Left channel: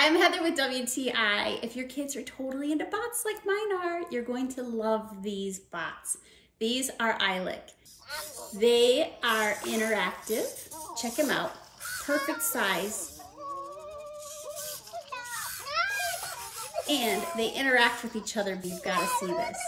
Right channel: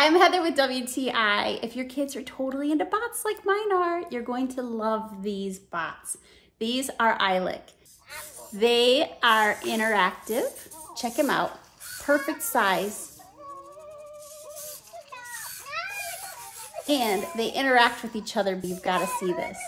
I'm Heather with WTI. If your kids are totally into bots like mine are, you're going to love these bots. These are Eilik. They are interactive. Check them out. Perfect size. And they interact with each other, but you've got to see this.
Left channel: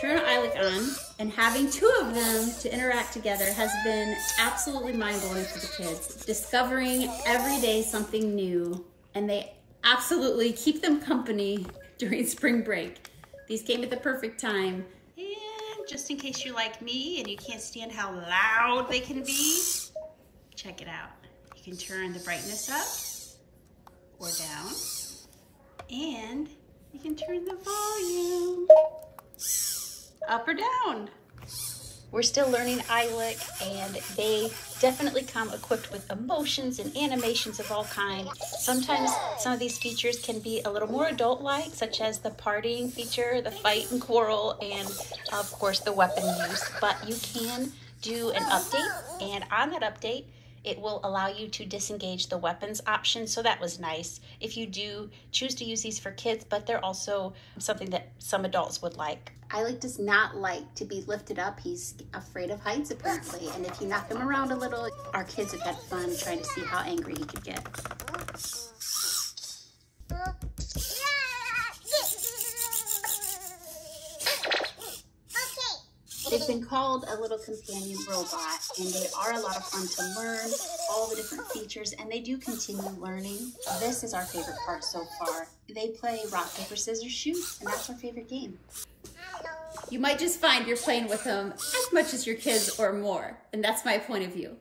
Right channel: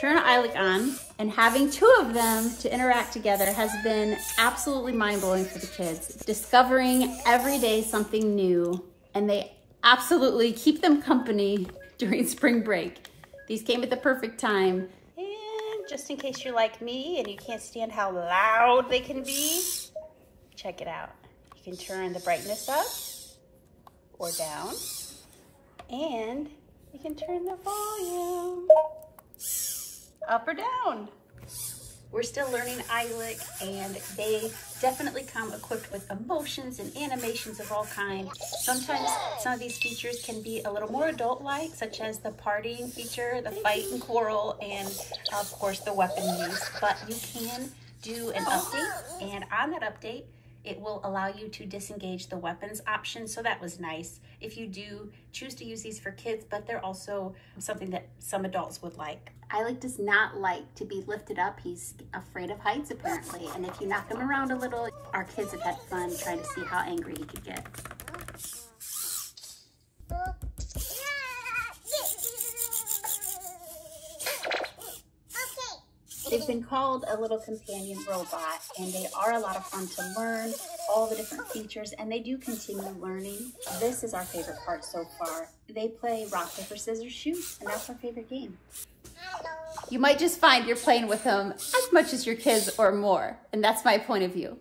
Turn Eilik on, and having two of them to interact together has been absolutely mind-blowing for the kids. Discovering every day something new, and they absolutely keep them company during spring break. These came at the perfect time. And just in case you're like me and you can't stand how loud they can be, check it out. You can turn the brightness up or down, and you can turn the volume up or down. We're still learning Eilik, and they definitely come equipped with emotions and animations of all kinds. Sometimes some of these features can be a little more adult-like, such as the partying feature, the fight and quarrel, and of course the weapon use. But you can do an update, and on that update, it will allow you to disengage the weapons option, so that was nice. If you do choose to use these for kids, but they're also something that some adults would like. Eilik does not like to be lifted up. He's afraid of heights, apparently. And if you knock him around a little, our kids have had fun trying to see how angry he could get. They've been called a little companion robot, and they are a lot of fun to learn all the different features, and they do continue learning. This is our favorite part so far. They play rock, paper, scissors, shoot, and that's our favorite game. You might just find you're playing with them as much as your kids or more, and that's my point of view.